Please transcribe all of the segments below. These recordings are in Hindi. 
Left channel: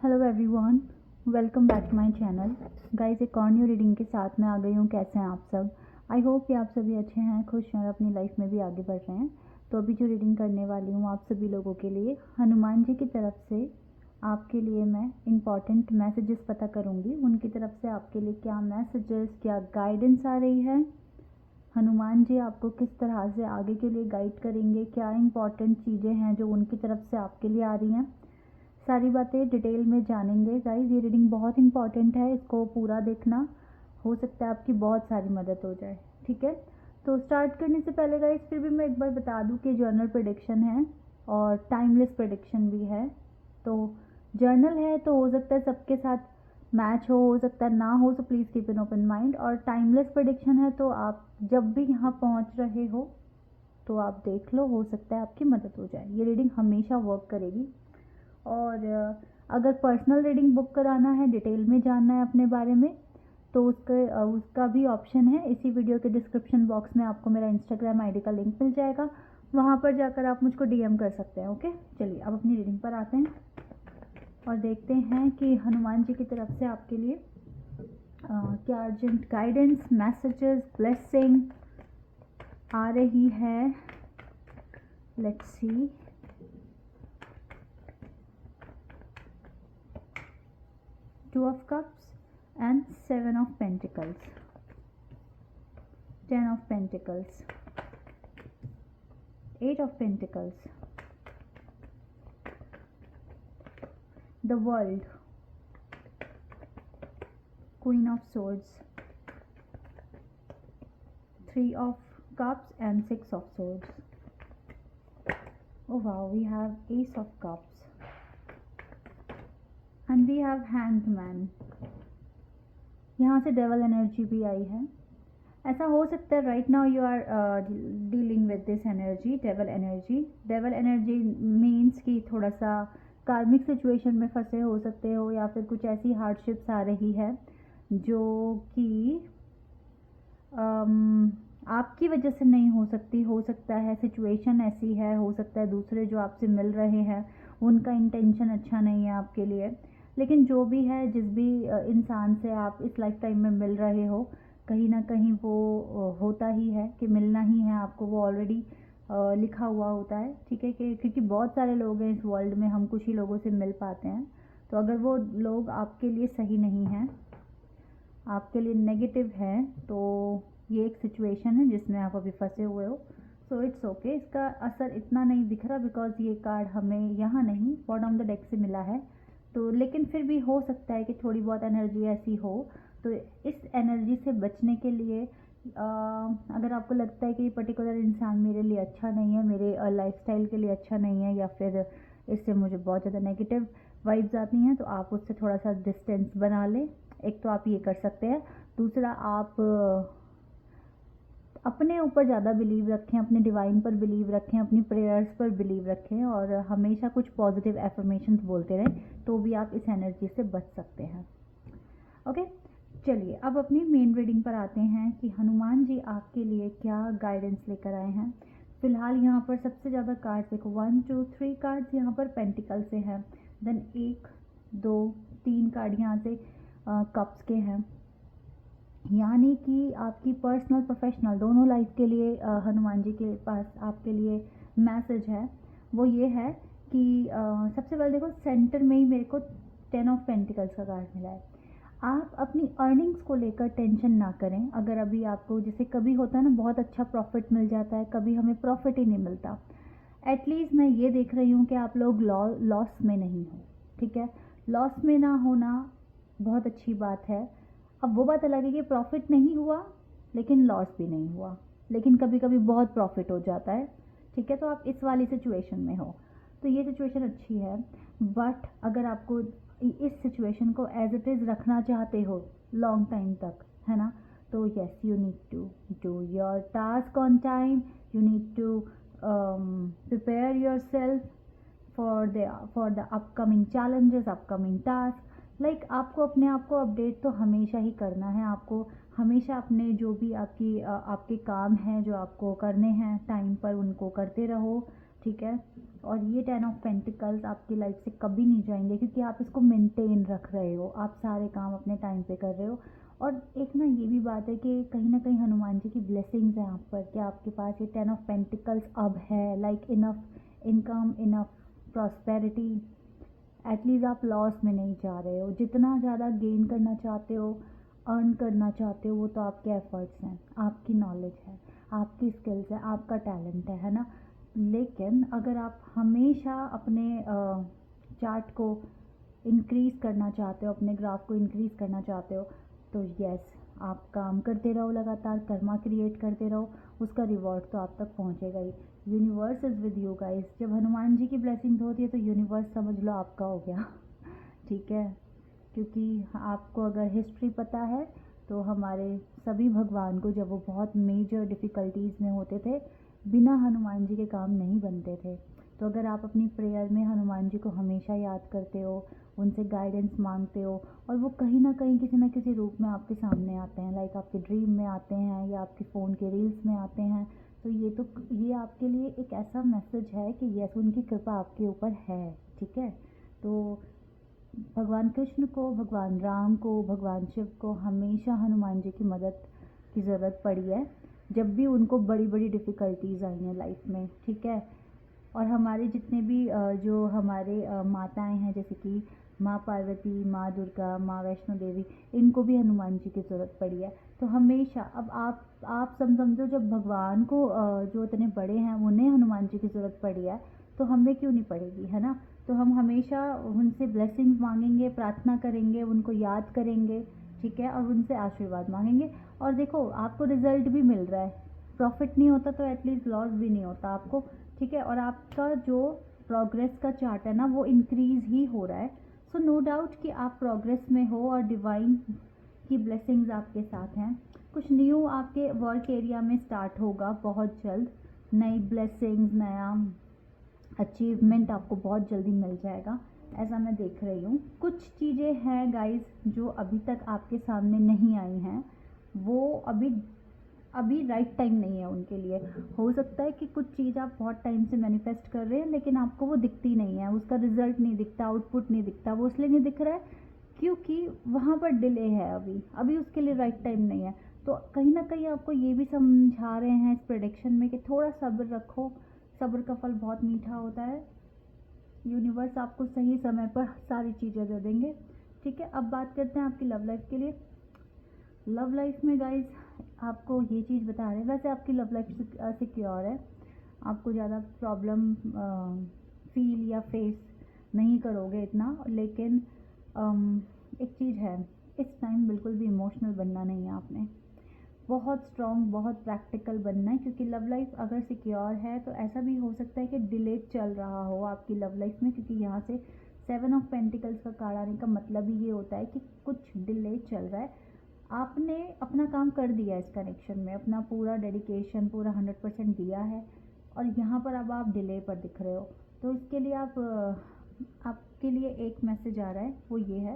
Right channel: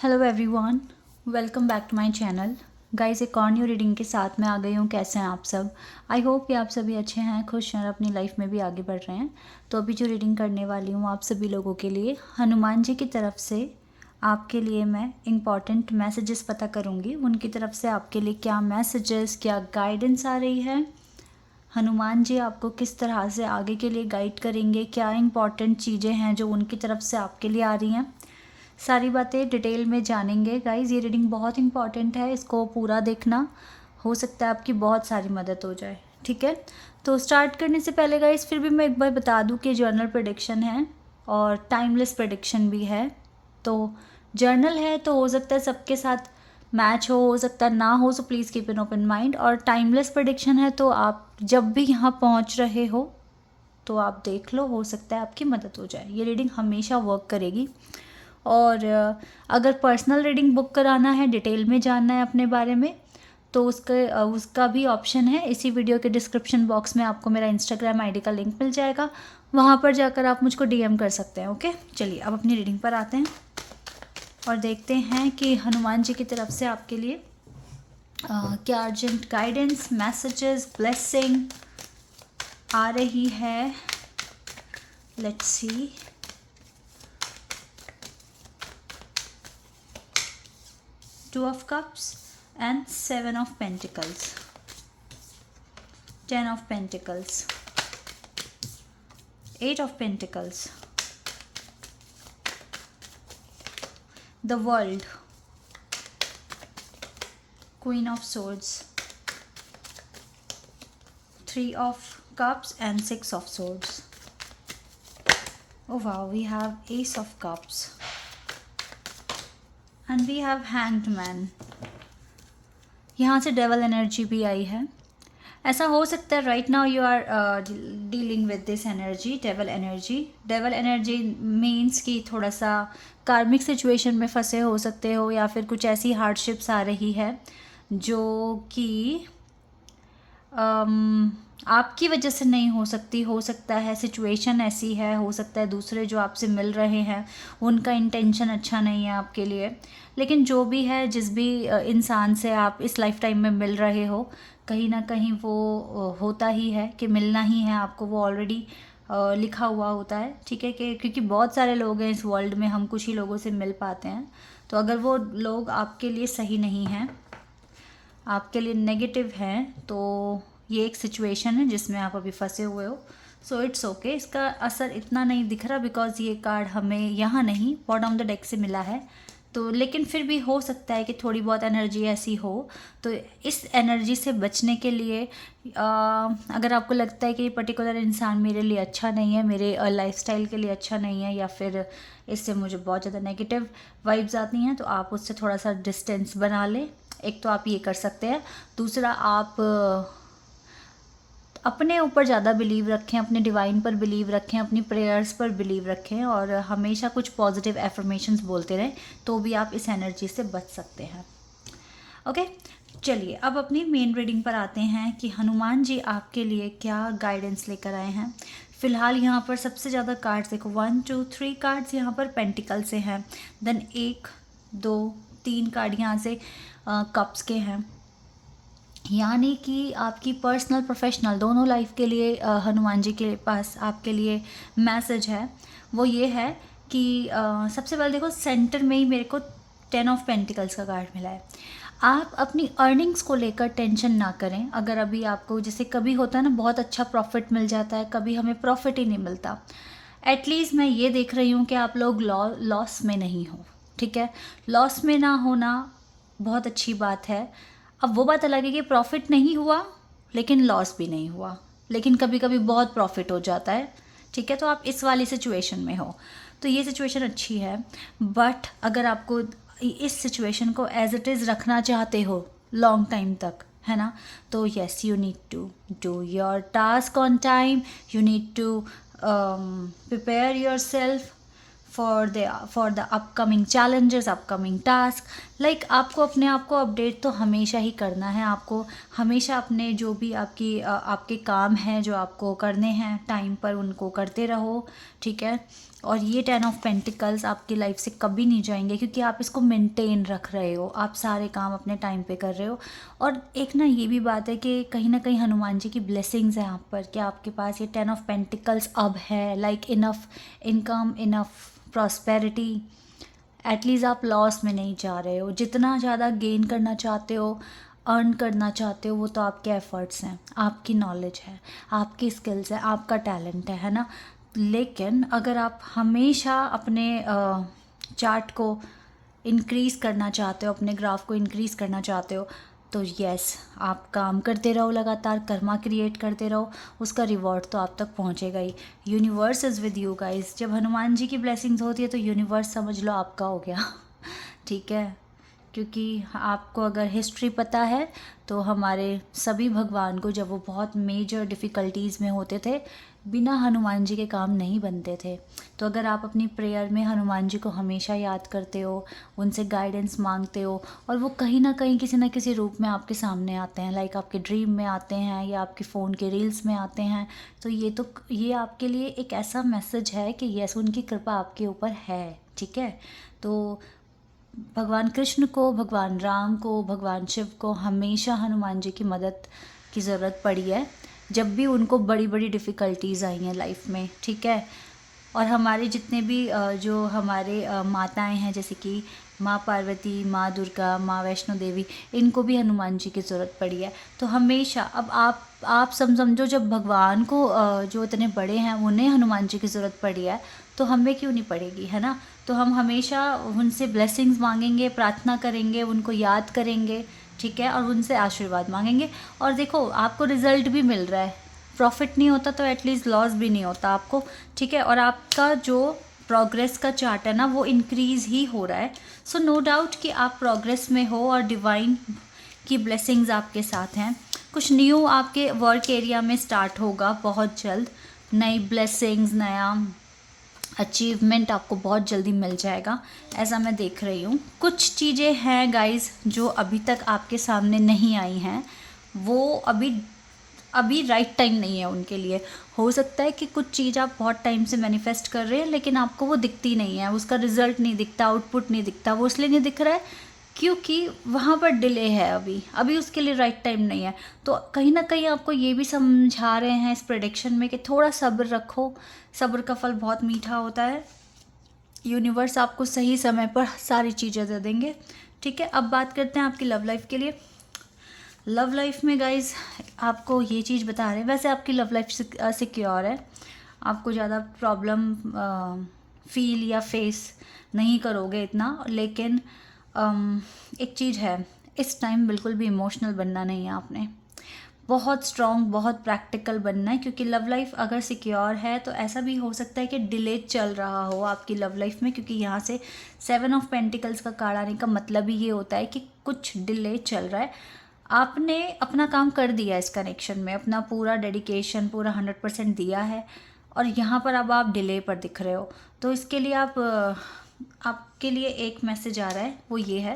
Hello everyone, welcome back to my channel. Guys, एक और न्यू रीडिंग के साथ मैं आ गई हूँ। कैसे हैं आप सब? आई होप कि आप सभी अच्छे हैं, खुश हैं और अपनी लाइफ में भी आगे बढ़ रहे हैं। तो अभी जो रीडिंग करने वाली हूँ आप सभी लोगों के लिए हनुमान जी की तरफ से आपके लिए मैं इम्पॉर्टेंट मैसेजेस पता करूँगी। उनकी तरफ से आपके लिए क्या मैसेजेस, क्या गाइडेंस आ रही है, हनुमान जी आपको किस तरह से आगे के लिए गाइड करेंगे, क्या इंपॉर्टेंट चीज़ें हैं जो उनकी तरफ से आपके लिए आ रही हैं, सारी बातें डिटेल में जानेंगे। गाइज़, ये रीडिंग बहुत इंपॉर्टेंट है, इसको पूरा देखना। हो सकता है आपकी बहुत सारी मदद हो जाए। ठीक है, तो स्टार्ट करने से पहले गाइज़ फिर भी मैं एक बार बता दूं कि जर्नल प्रेडिक्शन है और टाइमलेस प्रेडिक्शन भी है। तो जर्नल है तो हो सकता है सबके साथ मैच हो सकता है ना हो, so please keep an open mind. और टाइमलेस प्रेडिक्शन है तो आप जब भी यहाँ पहुँच रहे हो तो आप देख लो, हो सकता है आपकी मदद हो जाए। ये रीडिंग हमेशा वर्क करेगी। और अगर पर्सनल रीडिंग बुक कराना है, डिटेल में जानना है अपने बारे में, तो उसका भी ऑप्शन है। इसी वीडियो के डिस्क्रिप्शन बॉक्स में आपको मेरा इंस्टाग्राम आईडी का लिंक मिल जाएगा, वहाँ पर जाकर आप मुझको डीएम कर सकते हैं। ओके, चलिए अब अपनी रीडिंग पर आते हैं और देखते हैं कि हनुमान जी की तरफ से आपके लिए क्या अर्जेंट गाइडेंस, मैसेजेस, ब्लेसिंग आ रही है। Let's see. Two of Cups and Seven of Pentacles, Ten of Pentacles, Eight of Pentacles, the World, Queen of Swords, Three of Cups and Six of Swords. Oh wow, we have Ace of Cups and we have Hanged Man. यहाँ से डेवल एनर्जी भी आई है। ऐसा हो सकता है right now you are dealing with this energy, devil energy. Devil energy means कि थोड़ा सा कार्मिक सिचुएशन में फंसे हो सकते हो, या फिर कुछ ऐसी हार्डशिप्स आ रही है जो कि आपकी वजह से नहीं हो सकती। हो सकता है सिचुएशन ऐसी है, हो सकता है दूसरे जो आपसे मिल रहे हैं उनका इंटेंशन अच्छा नहीं है आपके लिए। लेकिन जो भी है, जिस भी इंसान से आप इस लाइफ टाइम में मिल रहे हो, कहीं ना कहीं वो होता ही है कि मिलना ही है आपको, वो ऑलरेडी लिखा हुआ होता है। ठीक है, कि क्योंकि बहुत सारे लोग हैं इस वर्ल्ड में, हम कुछ ही लोगों से मिल पाते हैं। तो अगर वो लोग आपके लिए सही नहीं हैं, आपके लिए नेगेटिव हैं, तो ये एक सिचुएशन है जिसमें आप अभी फंसे हुए हो। सो इट्स ओके, इसका असर इतना नहीं दिख रहा बिकॉज ये कार्ड हमें यहाँ नहीं, बॉटम ऑफ द डेक से मिला है। तो लेकिन फिर भी हो सकता है कि थोड़ी बहुत एनर्जी ऐसी हो। तो इस एनर्जी से बचने के लिए अगर आपको लगता है कि ये पर्टिकुलर इंसान मेरे लिए अच्छा नहीं है, मेरे लाइफस्टाइल के लिए अच्छा नहीं है, या फिर इससे मुझे बहुत ज़्यादा नेगेटिव वाइब्स आती हैं, तो आप उससे थोड़ा सा डिस्टेंस बना लें। एक तो आप ये कर सकते हैं। दूसरा, आप अपने ऊपर ज़्यादा बिलीव रखें, अपने डिवाइन पर बिलीव रखें, अपनी प्रेयर्स पर बिलीव रखें और हमेशा कुछ पॉजिटिव एफर्मेशंस बोलते रहें, तो भी आप इस एनर्जी से बच सकते हैं। ओके, चलिए अब अपनी मेन रीडिंग पर आते हैं कि हनुमान जी आपके लिए क्या गाइडेंस लेकर आए हैं। फिलहाल यहाँ पर सबसे ज़्यादा कार्ड्स देखो, 1 2 3 कार्ड्स यहाँ पर पेंटिकल से हैं। देन 1 2 3 कार्ड यहाँ से कप्स के हैं। यानी कि आपकी पर्सनल प्रोफेशनल दोनों लाइफ के लिए हनुमान जी के पास आपके लिए मैसेज है। वो ये है कि सबसे पहले देखो, सेंटर में ही मेरे को 10 ऑफ पेंटिकल्स का कार्ड मिला है। आप अपनी अर्निंग्स को लेकर टेंशन ना करें। अगर अभी आपको, जैसे कभी होता है ना, बहुत अच्छा प्रॉफिट मिल जाता है, कभी हमें प्रॉफिट ही नहीं मिलता। एटलीस्ट मैं ये देख रही हूँ कि आप लोग लॉस में नहीं हो। ठीक है, लॉस में ना होना बहुत अच्छी बात है। अब वो बात अलग है कि प्रॉफिट नहीं हुआ लेकिन लॉस भी नहीं हुआ, लेकिन कभी कभी बहुत प्रॉफिट हो जाता है। ठीक है, तो आप इस वाली सिचुएशन में हो, तो ये सिचुएशन अच्छी है। बट अगर आपको इस सिचुएशन को एज इट इज़ रखना चाहते हो लॉन्ग टाइम तक, है ना, तो yes, you need to do your task on time, you need to prepare yourself for the upcoming challenges, upcoming task. Like आपको अपने आप को अपडेट तो हमेशा ही करना है। आपको हमेशा अपने जो भी आपके काम हैं जो आपको करने हैं टाइम पर, उनको करते रहो। ठीक है, और ये 10 ऑफ पेंटिकल्स आपकी लाइफ से कभी नहीं जाएंगे, क्योंकि आप इसको मेंटेन रख रहे हो, आप सारे काम अपने टाइम पे कर रहे हो। और एक ना ये भी बात है कि कहीं ना कहीं हनुमान जी की ब्लेसिंग्स हैं आप पर, कि आपके पास ये 10 ऑफ पेंटिकल्स अब है, like enough income, enough prosperity. At least आप लॉस में नहीं जा रहे हो। जितना ज़्यादा गेन करना चाहते हो, अर्न करना चाहते हो, वो तो आपके एफर्ट्स हैं, आपकी नॉलेज है, आपकी स्किल्स है, आपका टैलेंट है ना। लेकिन अगर आप हमेशा अपने चार्ट को इंक्रीज़ करना चाहते हो, अपने ग्राफ को इंक्रीज़ करना चाहते हो, तो यस, आप काम करते रहो, लगातार कर्मा क्रिएट करते रहो, उसका रिवॉर्ड तो आप तक पहुंचेगा ही। Universe is with you guys. जब हनुमान जी की ब्लेसिंग्स होती है तो यूनिवर्स समझ लो आपका हो गया ठीक है, क्योंकि आपको अगर हिस्ट्री पता है तो हमारे सभी भगवान को जब वो बहुत मेजर डिफ़िकल्टीज़ में होते थे, बिना हनुमान जी के काम नहीं बनते थे। तो अगर आप अपनी प्रेयर में हनुमान जी को हमेशा याद करते हो, उनसे गाइडेंस मांगते हो, और वो कहीं ना कहीं किसी ना किसी रूप में आपके सामने आते हैं, लाइक आपके ड्रीम में आते हैं या आपके फ़ोन के रील्स में आते हैं, तो ये आपके लिए एक ऐसा मैसेज है कि यस, उनकी कृपा आपके ऊपर है। ठीक है, तो भगवान कृष्ण को, भगवान राम को, भगवान शिव को हमेशा हनुमान जी की मदद की ज़रूरत पड़ी है, जब भी उनको बड़ी बड़ी डिफ़िकल्टीज़ आई हैं लाइफ में। ठीक है, और हमारे जितने भी जो हमारे माताएं हैं, जैसे कि माँ पार्वती, माँ दुर्गा, माँ वैष्णो देवी, इनको भी हनुमान जी की ज़रूरत पड़ी है। तो हमेशा अब आप समझो, जब भगवान को जो इतने बड़े हैं उन्हें हनुमान जी की ज़रूरत पड़ी है, तो हमें क्यों नहीं पड़ेगी, है ना। तो हम हमेशा उनसे ब्लेसिंग्स मांगेंगे, प्रार्थना करेंगे, उनको याद करेंगे, ठीक है, और उनसे आशीर्वाद मांगेंगे। और देखो, आपको रिजल्ट भी मिल रहा है, प्रॉफिट नहीं होता तो एटलीस्ट लॉस भी नहीं होता आपको। ठीक है, और आपका जो प्रोग्रेस का चार्ट है ना, वो इंक्रीज़ ही हो रहा है। सो नो डाउट कि आप प्रोग्रेस में हो और डिवाइन की ब्लेसिंग्स आपके साथ हैं। कुछ न्यू आपके वर्क एरिया में स्टार्ट होगा बहुत जल्द, नई ब्लेसिंग्स, नया अचीवमेंट आपको बहुत जल्दी मिल जाएगा, ऐसा मैं देख रही हूँ। कुछ चीज़ें हैं गाइस जो अभी तक आपके सामने नहीं आई हैं, वो अभी राइट टाइम नहीं है उनके लिए। हो सकता है कि कुछ चीज़ आप बहुत टाइम से मैनिफेस्ट कर रहे हैं, लेकिन आपको वो दिखती नहीं है, उसका रिजल्ट नहीं दिखता, आउटपुट नहीं दिखता। वो इसलिए नहीं दिख रहा है क्योंकि वहाँ पर डिले है, अभी उसके लिए राइट टाइम नहीं है। तो कहीं ना कहीं आपको ये भी समझा रहे हैं इस प्रेडिक्शन में कि थोड़ा सब्र रखो, सब्र का फल बहुत मीठा होता है। यूनिवर्स आपको सही समय पर सारी चीज़ें दे देंगे। ठीक है, अब बात करते हैं आपकी लव लाइफ के लिए। लव लाइफ में गाइज आपको ये चीज़ बता रहे हैं, वैसे आपकी लव लाइफ सिक्योर है, आपको ज़्यादा प्रॉब्लम फील या फेस नहीं करोगे इतना। लेकिन एक चीज़ है, इस टाइम बिल्कुल भी इमोशनल बनना नहीं है आपने, बहुत स्ट्रॉन्ग, बहुत प्रैक्टिकल बनना है। क्योंकि लव लाइफ अगर सिक्योर है तो ऐसा भी हो सकता है कि डिले चल रहा हो आपकी लव लाइफ में, क्योंकि यहाँ से 7 ऑफ पेंटिकल्स का कार्ड आने का मतलब ही ये होता है कि कुछ डिले चल रहा है। आपने अपना काम कर दिया इस कनेक्शन में, अपना पूरा डेडिकेशन, पूरा 100% दिया है, और यहाँ पर अब आप डिले पर दिख रहे हो। तो इसके लिए आपके लिए एक मैसेज आ रहा है, वो ये है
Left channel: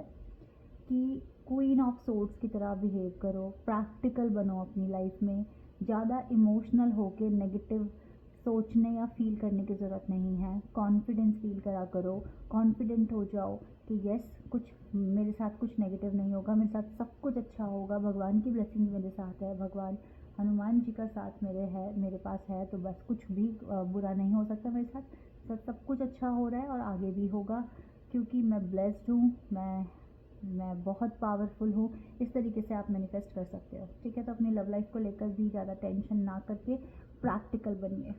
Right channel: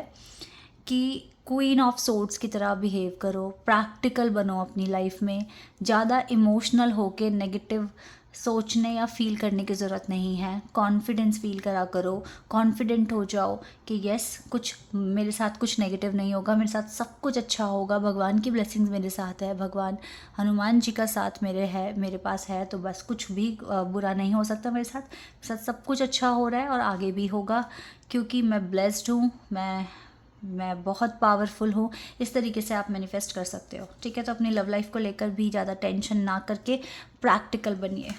कि क्वीन ऑफ सोर्ड्स की तरह बिहेव करो, प्रैक्टिकल बनो अपनी लाइफ में। ज़्यादा इमोशनल होके नेगेटिव सोचने या फील करने की ज़रूरत नहीं है। कॉन्फिडेंस फील करा करो, कॉन्फिडेंट हो जाओ कि यस, कुछ मेरे साथ कुछ नेगेटिव नहीं होगा, मेरे साथ सब कुछ अच्छा होगा, भगवान की ब्लेसिंग्स मेरे साथ है, भगवान हनुमान जी का साथ मेरे पास है, तो बस कुछ भी बुरा नहीं हो सकता मेरे साथ सब कुछ अच्छा हो रहा है और आगे भी होगा, क्योंकि मैं ब्लेस्ड हूँ, मैं बहुत पावरफुल हूँ। इस तरीके से आप मैनिफेस्ट कर सकते हो। ठीक है, तो अपनी लव लाइफ को लेकर भी ज़्यादा टेंशन ना करके प्रैक्टिकल बनिए।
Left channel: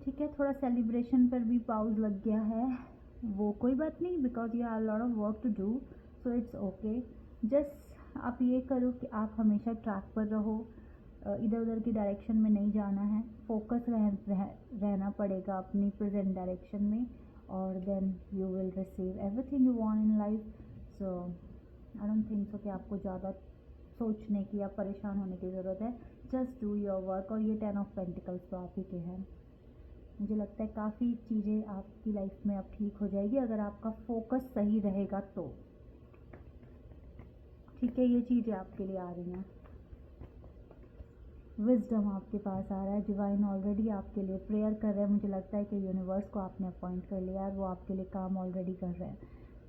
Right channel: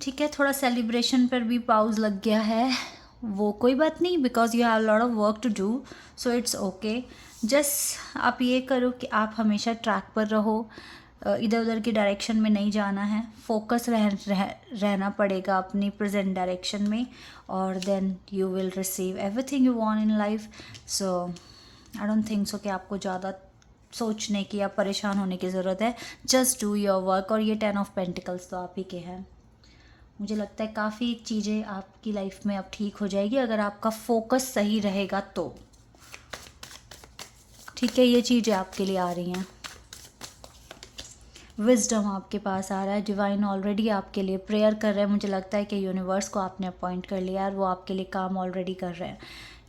ठीक है, थोड़ा सेलिब्रेशन पर भी पाउज लग गया है, वो कोई बात नहीं, because you have lot of work to do, so it's okay. Just आप ये करो कि आप हमेशा ट्रैक पर रहो, इधर उधर की डायरेक्शन में नहीं जाना है, फोकस रहना पड़ेगा अपनी प्रेजेंट डायरेक्शन में, और then you will receive everything you want in life. So I don't think so कि आपको ज़्यादा सोचने की या परेशान होने की ज़रूरत है। Just do your work. और ये 10 ऑफ पेंटिकल्स तो आप ही के हैं। मुझे लगता है काफ़ी चीज़ें आपकी लाइफ में अब ठीक हो जाएगी अगर आपका फोकस सही रहेगा तो। ठीक है, ये चीज़ें आपके लिए आ रही हैं। विजडम आपके पास आ रहा है, डिवाइन ऑलरेडी आपके लिए प्रेयर कर रहे हैं। मुझे लगता है कि यूनिवर्स को आपने अपॉइंट कर लिया और वो आपके लिए काम ऑलरेडी कर रहे हैं।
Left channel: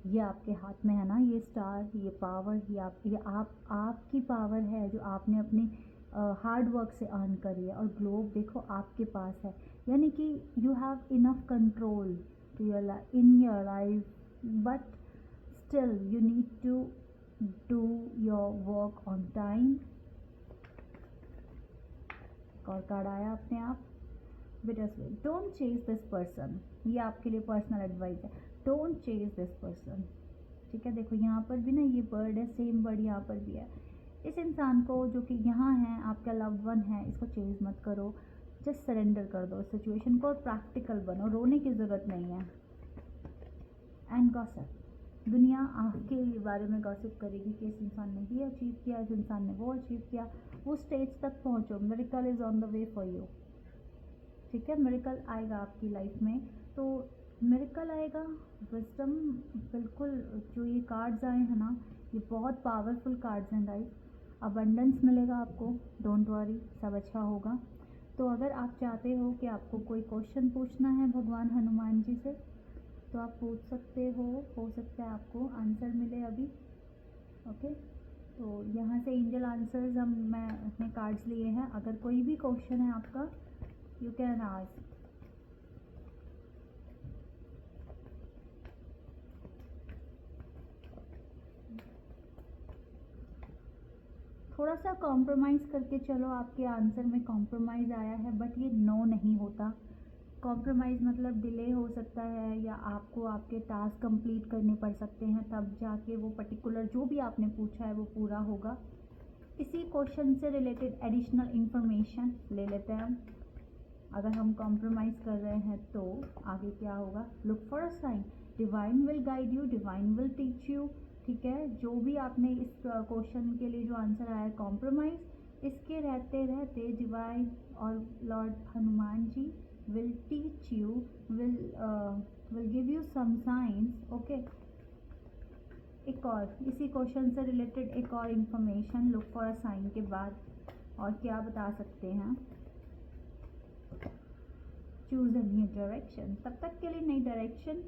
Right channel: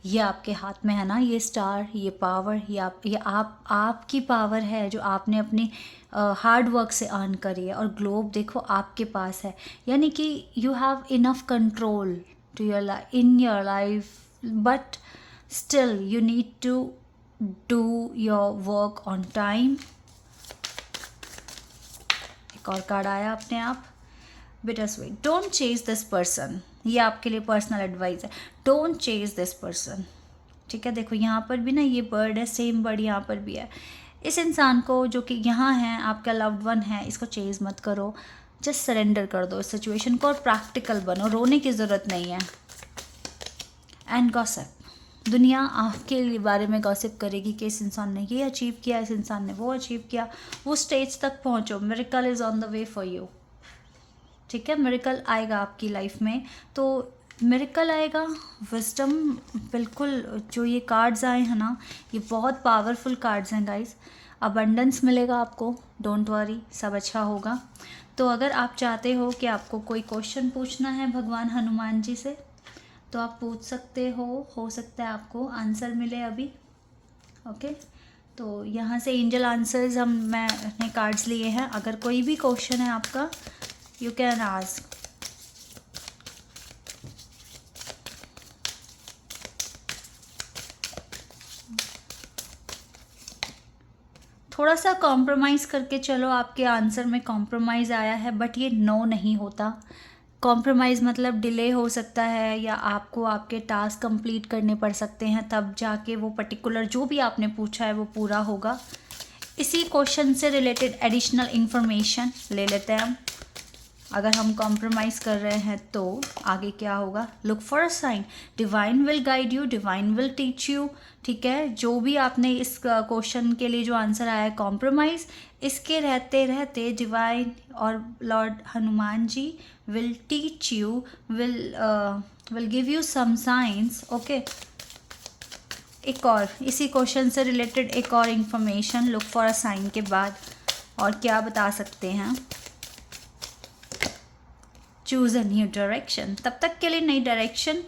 ये आपके हाथ में है ना, ये स्टार, ये पावर, ये आपकी पावर है जो आपने अपनी हार्ड वर्क से अर्न करी है। और ग्लोब देखो आपके पास है, यानी कि you have enough control to your life, but still you need to do your work on time. एक और कार्ड आया अपने आप, bittersweet. Don't chase this person, ये आपके लिए पर्सनल एडवाइस है। डोंट चेज दिस पर्सन, ठीक है। देखो यहाँ पर भी ना ये बर्ड है, सेम बर्ड यहाँ पर भी है। इस इंसान को जो कि यहाँ है, आपका लव्ड वन है, इसको चेज मत करो, जस्ट सरेंडर कर दो इस सिचुएशन को और प्रैक्टिकल बनो, रोने की ज़रूरत नहीं है। एंड गॉसिप, दुनिया आपके लिए बारे में गॉसिप करेगी कि इस इंसान ने ये अचीव किया, इस इंसान ने वो अचीव किया। वो स्टेज तक पहुँचो, miracle is on the way for you, ठीक है। मिरेकल आएगा आपकी लाइफ में, तो मिरेकल आएगा। विजडम, बिल्कुल जो ये कार्ड्स आए हैं ना, ये बहुत पावरफुल कार्ड्स हैं गाइस। अबंडेंस मिलेगा आपको, डोंट वरी, सब अच्छा होगा। तो अगर आप चाहते हो कि आपको कोई क्वेश्चन पूछना है भगवान हनुमान जी से, तो आप पूछ सकते हो सकता है आपको आंसर मिले अभी, ओके। तो यहाँ से एंजल आंसर्स मैंने कार्ड्स लिए हैं। अगर कोई भी क्वेश्चन है आपका, यू कैन आस्क। थोड़ा सा कॉम्प्रोमाइज़ करके चलो, आपके आंसर में कॉम्प्रोमाइज़ आया है, बट ये नो नहीं होता। कॉम्प्रोमाइज़ मतलब डिले हो सकता है, या आपको आपके टास्क कंप्लीट करने पड़ सकते हैं, तब जाके वो पर्टिकुलर जो भी आपने पूछा है वो पूरा होगा। इसी क्वेश्चन से रिलेटेड एडिशनल इंफॉर्मेशन ले लेते हैं हम। अगर हम कॉम्प्रोमाइज़ कर रहे हैं तो आगे क्या होगा? Look for a sign, divine will guide you, divine will teach you, ठीक है। जो भी आपने इस क्वेश्चन के लिए जो आंसर आया है कॉम्प्रोमाइज़, इसके रहते रहते डिवाइन और Lord Hanuman ji will teach you, will give you some science, okay. एक और इसी क्वेश्चन से रिलेटेड एक और information look for a sign के बाद, और क्या बता सकते हैं? चूज़ अ न्यू डायरेक्शन, तब तक के लिए नई डायरेक्शन।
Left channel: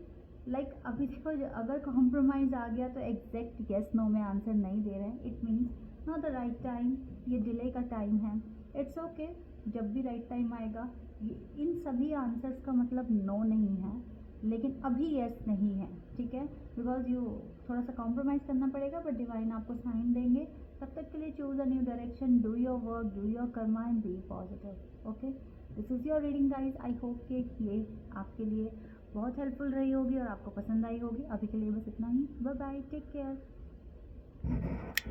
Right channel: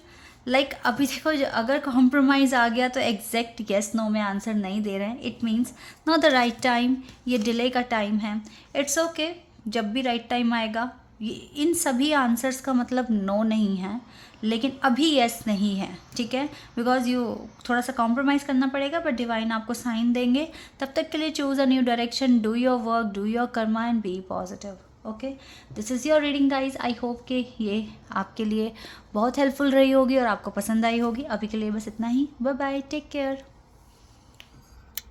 लाइक अभी देखो, अगर कॉम्प्रोमाइज़ आ गया तो एग्जैक्ट येस नो में आंसर नहीं दे रहे हैं, it means not the right time, ये डिले का टाइम है। इट्स ओके, जब भी राइट टाइम आएगा। इन सभी आंसर्स का मतलब नो नहीं है, लेकिन अभी येस नहीं है, ठीक है। बिकॉज यू थोड़ा सा कॉम्प्रोमाइज़ करना पड़ेगा, बट डिवाइन आपको साइन देंगे। तब तक के लिए choose a new direction, do your work, do your karma and be positive, okay. This is your reading guys. I hope कि ये आपके लिए बहुत हेल्पफुल रही होगी और आपको पसंद आई होगी। अभी के लिए बस इतना ही। Bye bye, take care.